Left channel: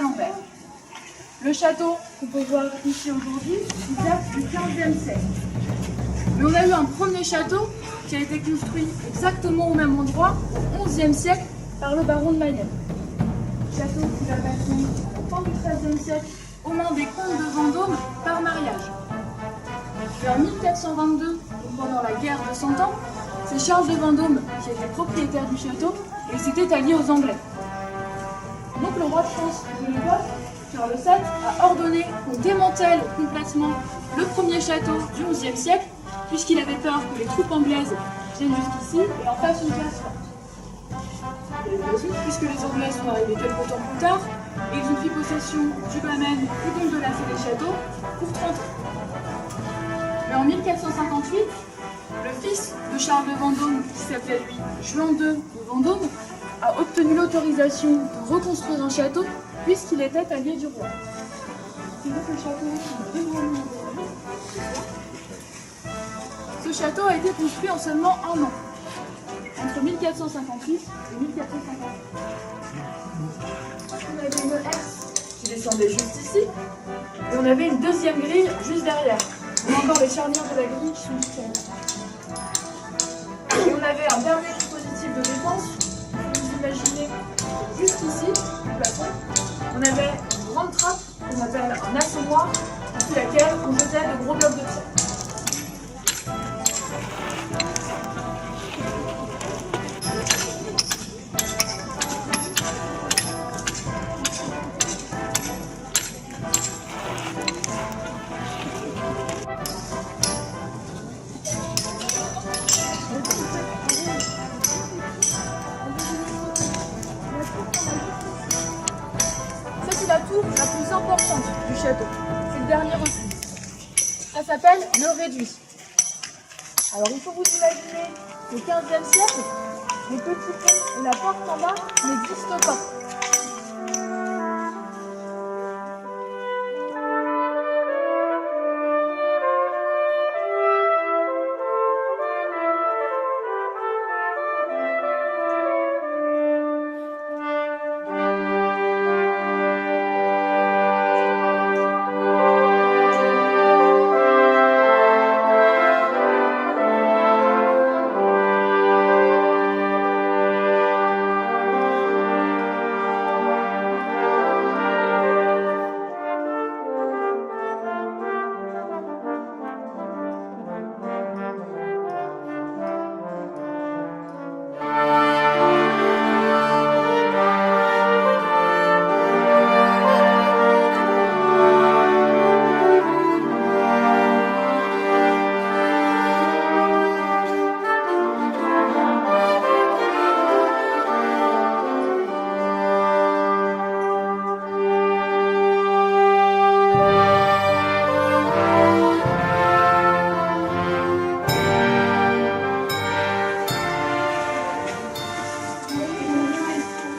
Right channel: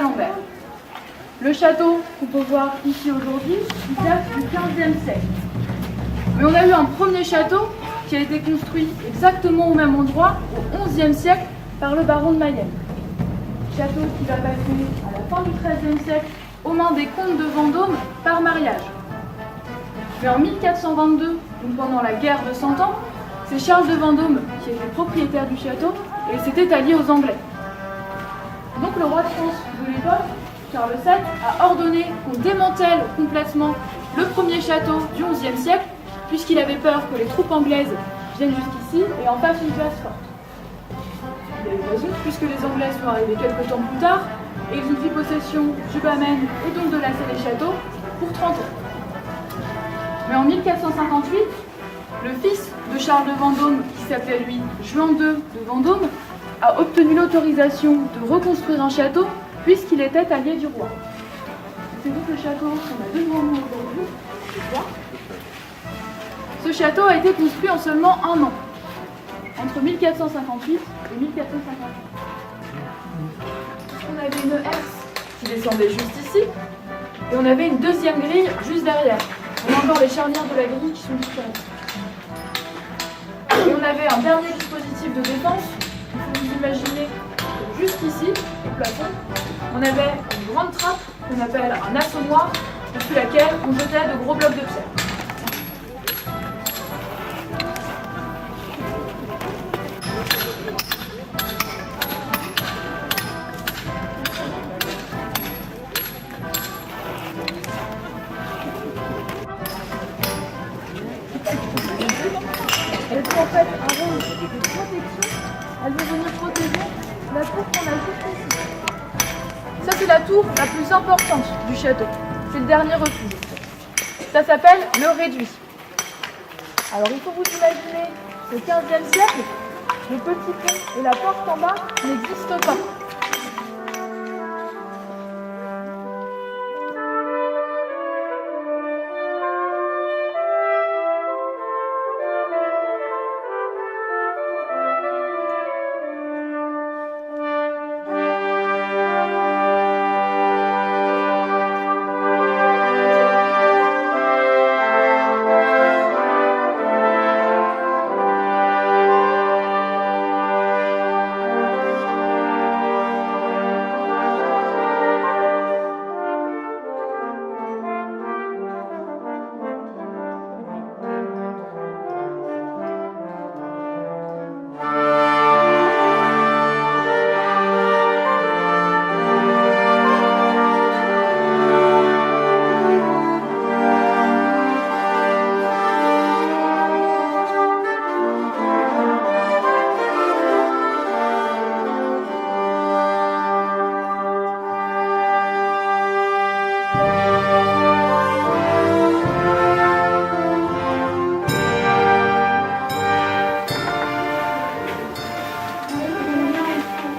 l'envers. Le château qu'on peut voir ici aujourd'hui, il date du XVe siècle. Mais on a eu un premier château qui a été construit exactement au même endroit au XIe siècle par le baron de Mayenne. Château qui va passer à la fin du XIIIe siècle aux mains des comtes de Vendôme par mariage. Mais en 1422, donc pendant la guerre de 100 ans, c'est Charles de Vendôme qui était propriétaire du château et s'était allié aux Anglais. Donc le roi de France de l'époque, Charles VII, a ordonné qu'on démantèle complètement le premier château du XIe siècle, puisqu'il avait peur que les troupes anglaises viennent jusqu'ici et en fassent une place forte. Il a eu raison, puisque les Anglais sont arrivés quelques temps plus tard, et ils ont pris possession du Bamène et donc de la Célé-Château pour 30 ans. Mais en 1458, le fils de Charles de Vendôme, qui s'appelait lui Juan II de Vendôme, a obtenu l'autorisation de reconstruire un château puisqu'il était allié du roi. C'est donc le château qu'on a devant nous aujourd'hui. Ce château a été construit en seulement un an, entre 1458 et 1458. On avait une herse qui descendait juste ici, et on avait une deuxième grille juste derrière. On a encore les charnières de la grille qui sont différentes. Et on avait un dernier dispositif de défense. Il faut vous imaginer juste ici, au plafond, on avait une grande trappe qu'on appelle un assommoir, depuis laquelle on jetait de gros blocs de pierre. C'est en fait un rôle de protection. Elle veut venir protéger la tour qu'on a juste ici. Ça, c'est la tour la plus importante du château. C'est le dernier refuge. Ça s'appelle le réduit. Alors, il faut vous imaginer qu'au XVe siècle, le petit pont et la porte en bas n'existent pas.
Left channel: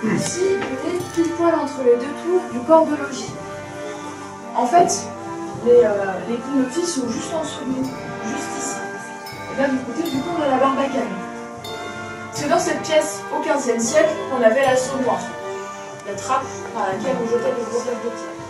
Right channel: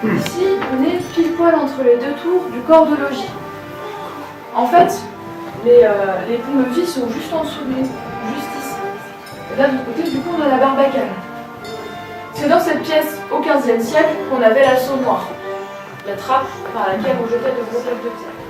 Ici, on est pile poil entre les deux tours du corps de logis. En fait, les ponts-levis sont juste en dessous de nous, juste ici. Et là, de l'autre côté, du coup, on a la barbacane. C'est dans cette pièce, au XVe siècle, qu'on avait l'assommoir, la trappe par laquelle on jetait de gros blocs de pierre.